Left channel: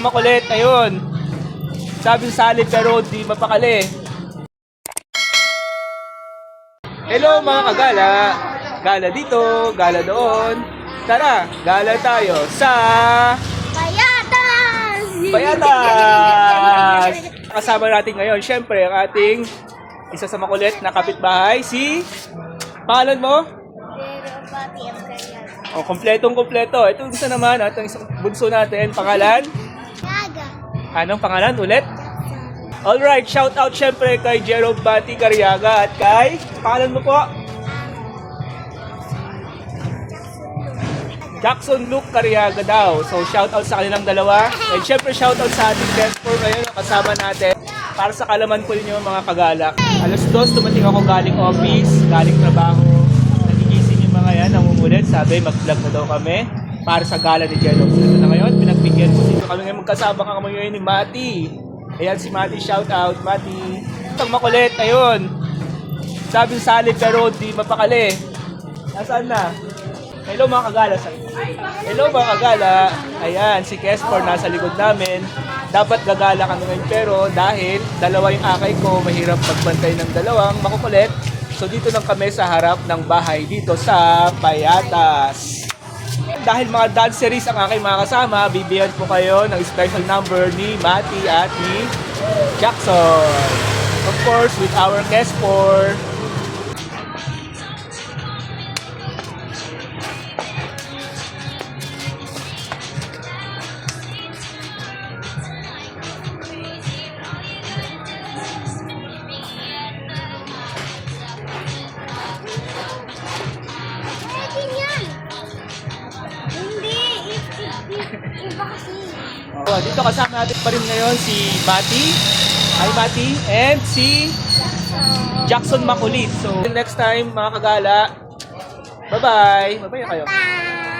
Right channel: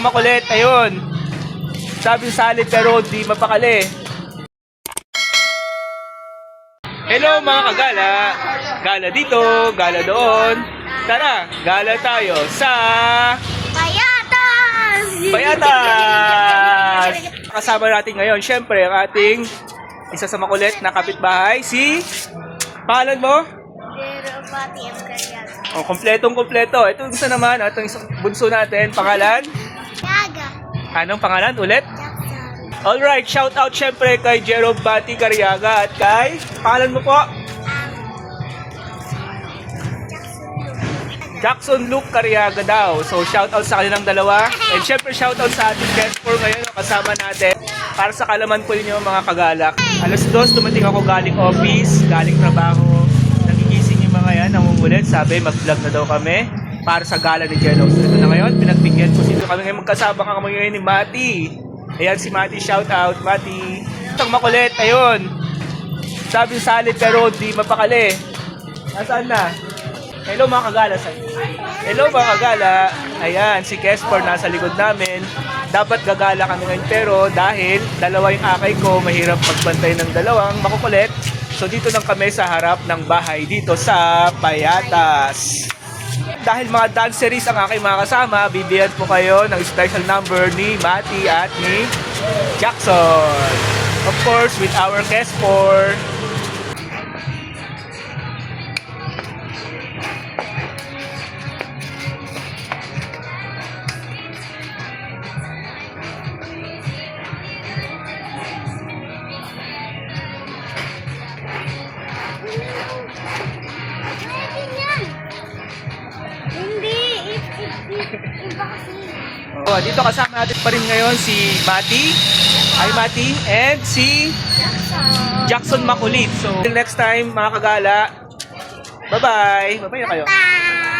Itong makulit, ayun. Sabi salid pero di mapakali. Hello mga kagala. Gala dito, gala doon. Tara, gala tayo sa Payatas! Payatas! Kasama natin ngayon, syempre, ang ating isa sa makulit na kapitbahay, si... Pangalan mo? Pero pati ang kaya. Oh, kompletong-kompleto. Ito gusto naman, itong isang bunso natin, pangalan? Yaga. Anong pangalan ulit? Jackson. Alright, shout out syempre kay Jero Bati Cariaga at kay... Pangalan mo po? Jackson Luke Cariaga daw. So, shout out sa kanilang dalawa. And syempre, shout out sa ating guest for ngayon na kasama natin. Para sa kalaman po ninyo mga kagalak. Alas 2, dumating ako galing office, galing trabaho. Nagigising yung mga yan, nangungulit. Sabi, mag-vlog na daw kami para sa gala ni Jello. So, ito na ngayon, pinagbigyan ko sino kami ngayon magkasama ka kami ngayon ni Mati. Ayan si Mati, shout out, Mati. Itong makulit, ayun. Sabi salid pero di mapakali. Nasaan na? Hello mga kagala sa inyo. Hello mga kagala. Ayan, si Kesper nasa likod namin. Dapat gagala kami ngayon pero dahil dalawa yung akay ko, mahirap magbantay ng dalawang makukulit. So dito lang kami sa harap ng bahay dito sa Payatas. Dahil mga dog series ang aking mga kasama, bibigyan po kayo ng special number ni Mati at ni Jackson. Of course, with our Kesper. Pwede yan. Hindi. Iba kasi. So, dito kasama natin pa rin ngayon si Mati. Hi Mati. And si Jackson. Jackson Makulit. So, until next time mga kagala. Bye-bye. Bye-bye na kayo. Bye.